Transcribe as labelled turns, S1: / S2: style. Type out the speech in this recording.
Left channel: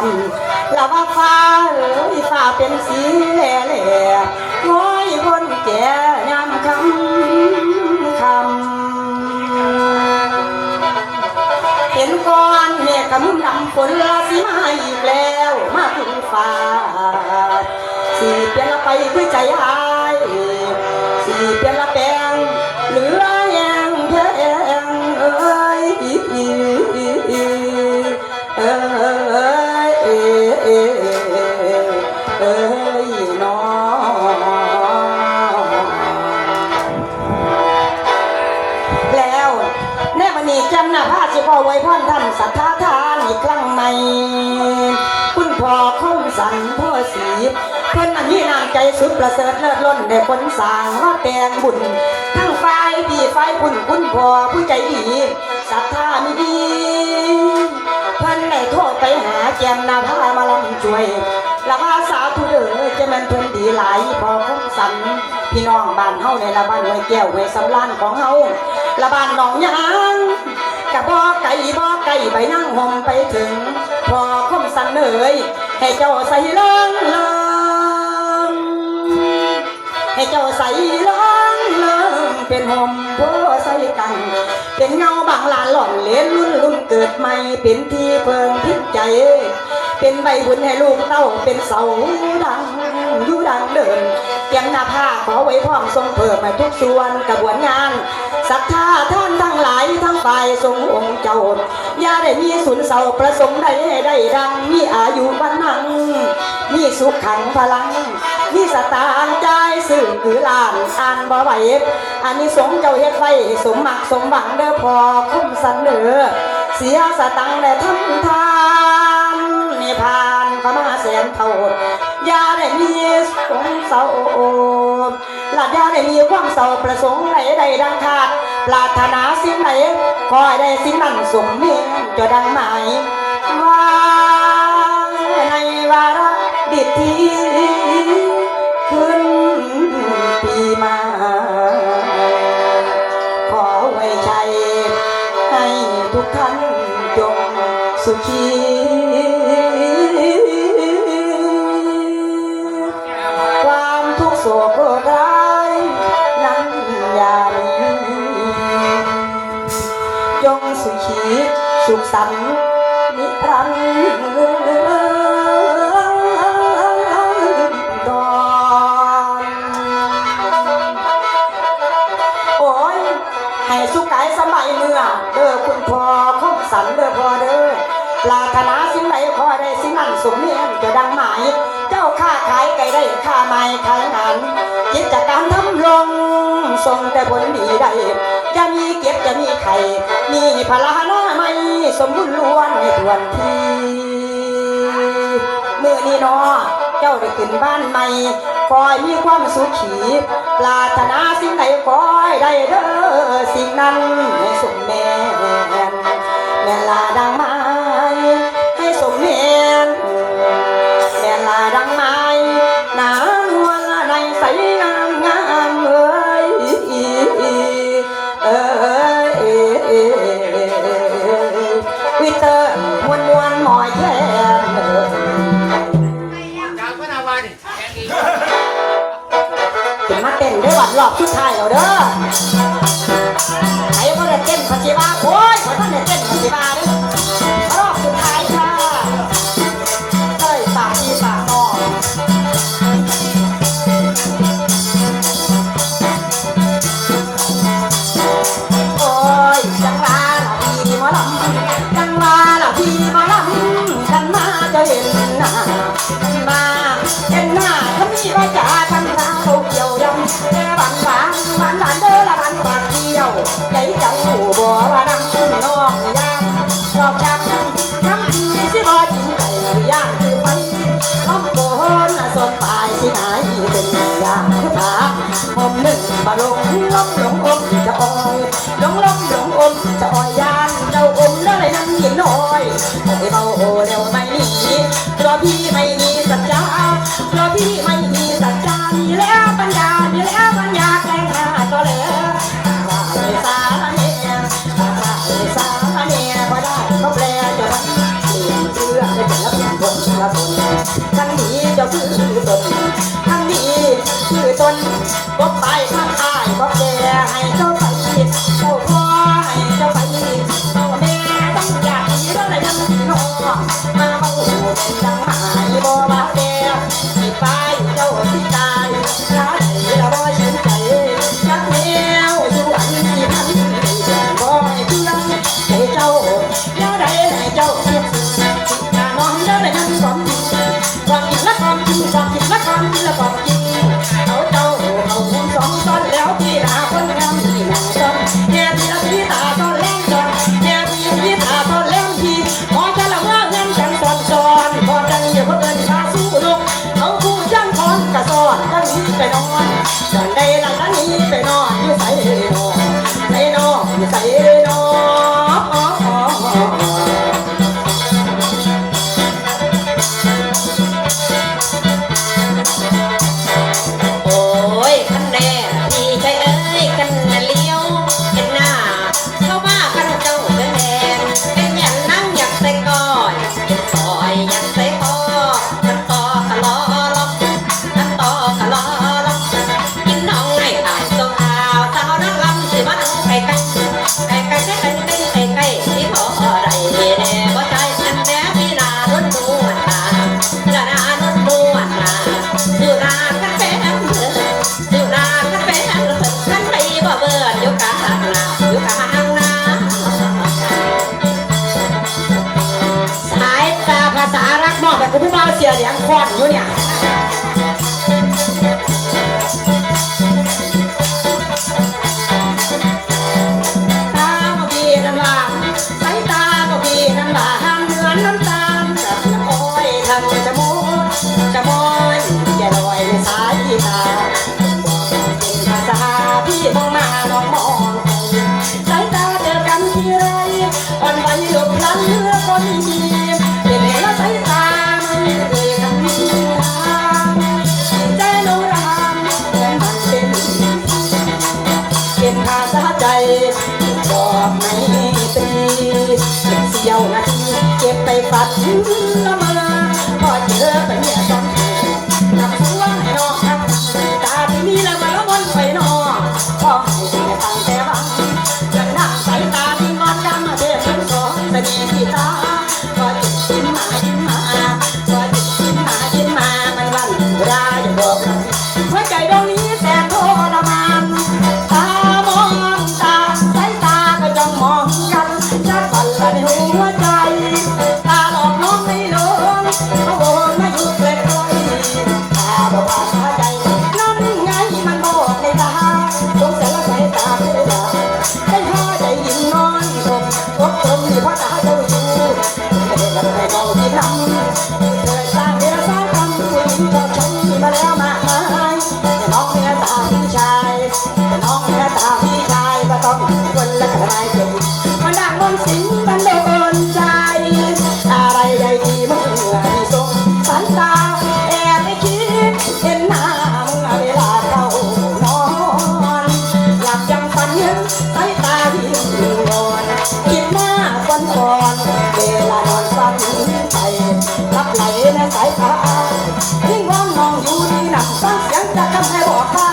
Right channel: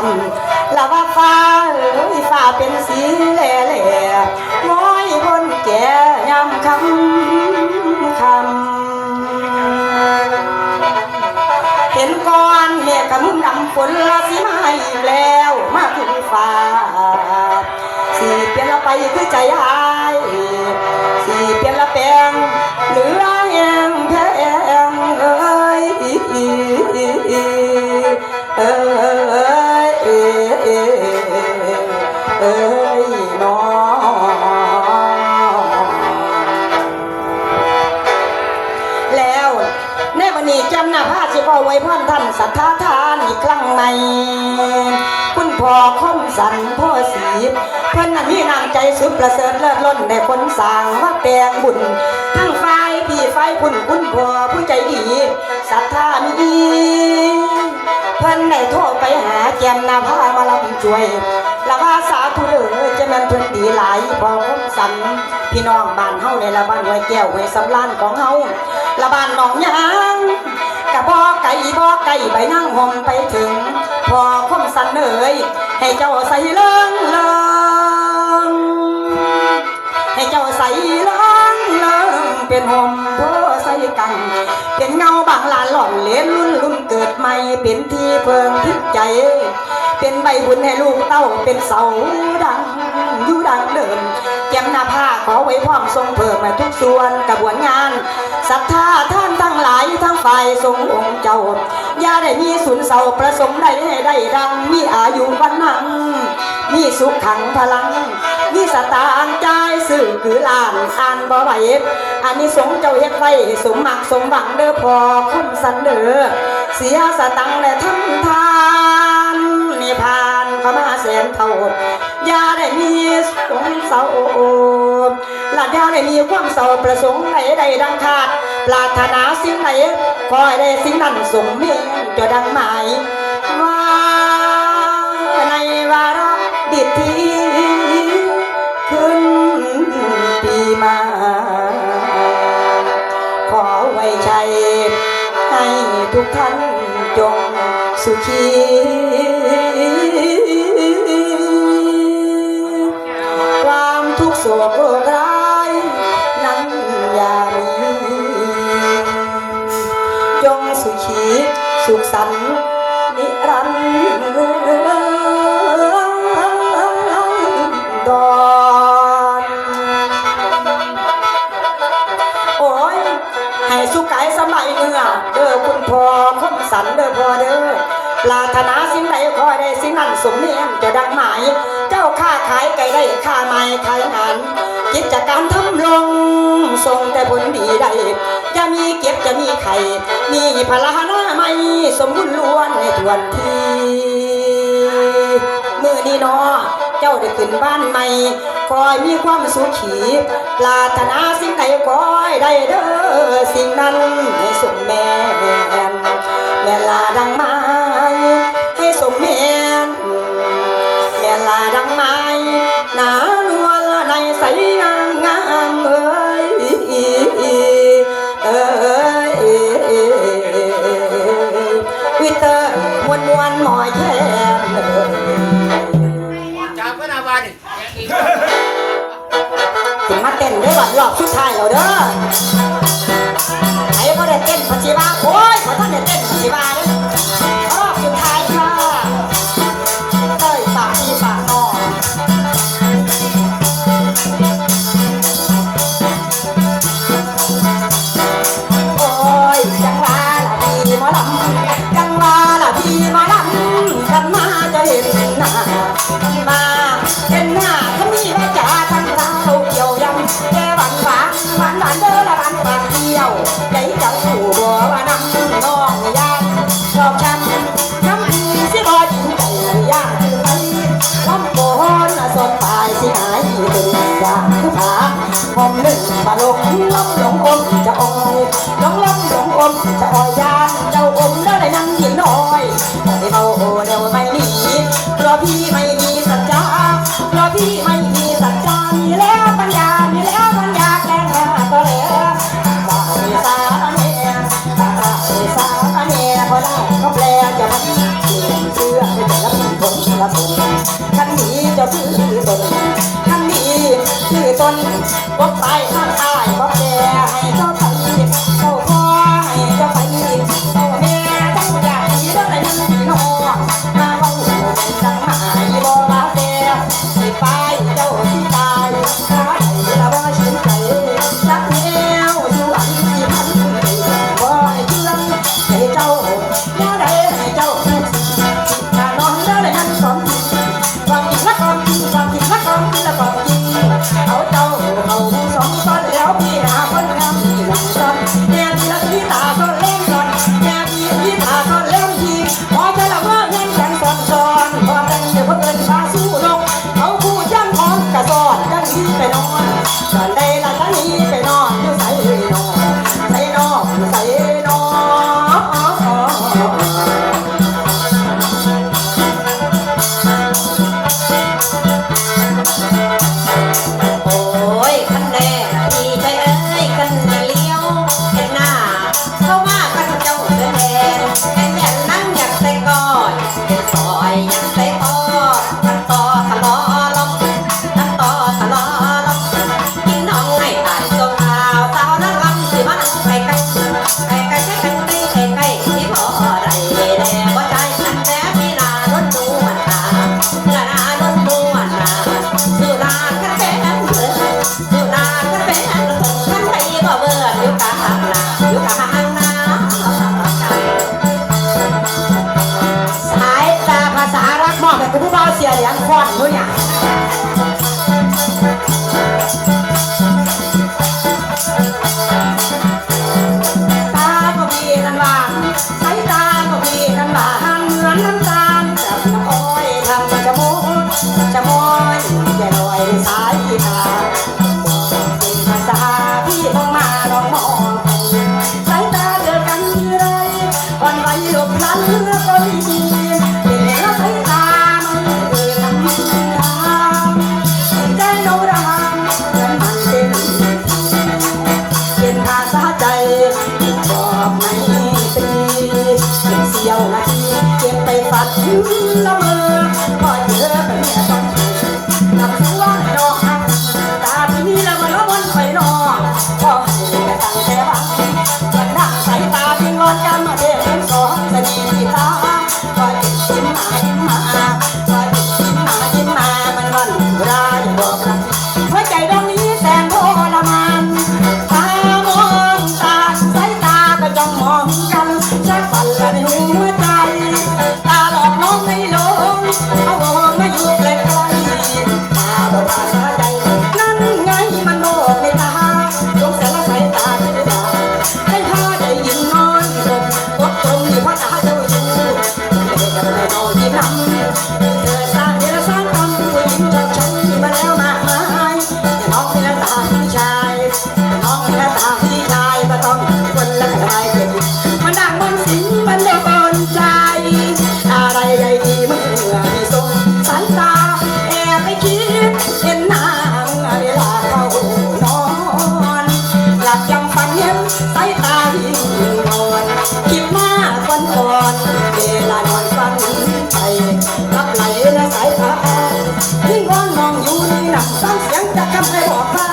S1: ำลาว่าฟ้าเอ้ยฟ้าเป็นสีแหล่แหล่น้อยบนแก่ยำคำคำเห็นก้อนเมฆกำมุนำฝนละสีมาอีกแล้ว มาถึงฟ้าสีเป็นละไปคือใจหา ว้พ่อท่านสัทธาทานอีกครั้งในคุณพ่อคมสันพ่อสีเพื่อนนั้นมีน้ำใจสุดประเสริฐเลิศล้นในคนสร้างว่าแต่งบุญทั้งฝ่ายพี่ฝ่ายคุณคุณพ่อผู้ใจดีศรัทธามีดีเพิ่อนได้โทษไปหาแกมนาผ้ามาลำช่วยละว่าสาธุเด้อจะแม่นเพิ่นดีหลายพอคมสันพี่น้องบ้านเฮาในละบ้านไว้แก้วไว้สำรานของเฮาละบ้านหนองยางกะ ก่บ่ไก่ใบนั่งห่มไปถึง พอคมสันเอ่ยให้เจ้าใส่เลิงเลิงให้เจ้าใส่เลิงเลิงเป็นห่มโพใส่กัน เป็นเงาบางลาหล่อนเลนรุ่นรุ่นเกิดใหม่เป็นที่เพิงทิพใจ เป็นใบบุญให้ลูกเต้าเป็นเสาดังอยู่ดังเดิมเตรียมหน้าผ้าขอไว้พร้อมทรงเพิ่มทุกส่วนกระบวนงาน ศรัทธาท่านทั้งหลายทั้งฝ่ายทรงองค์เจ้า อย่าได้มีสุนเสาประสงค์ใดให้ได้ดังมีอายุวันนังมีสุขขังพลัง มีสตางค์ใจสื่อคือลานอ่านบ่ไหวอันนี้สงเจ้าเฮ็ดไว้สมหมักสมหวังเด้อพอคุ้มสันเด้อเสียสตังค์และทำทานนี่ผ่านเข้ามาแสนเท่าอย่าได้มีสงเศร้าหลาดยาได้มีความเศร้าประสงค์ใดใดดังขา ปรารถนาสิ่งไหนขอให้ได้สิ่งนั้นสมเนียจะดังหมายว่าในวาระดิทีขึ้นปีมา ขอไว้ใจให้ทุกท่านจงสุขี ส่งแต่ผลดีได้จะมีเก็บจะมีไข่มีพลานาไม่สมบูรณ์ล้วนในทวนทีเมื่อนี้นอเจ้าได้ขึ้นบ้านใหม่คอยมีความสุขขีปรารถนา 姑娘 ฟังเสียง
S2: จากกำแพง
S1: บอกว่า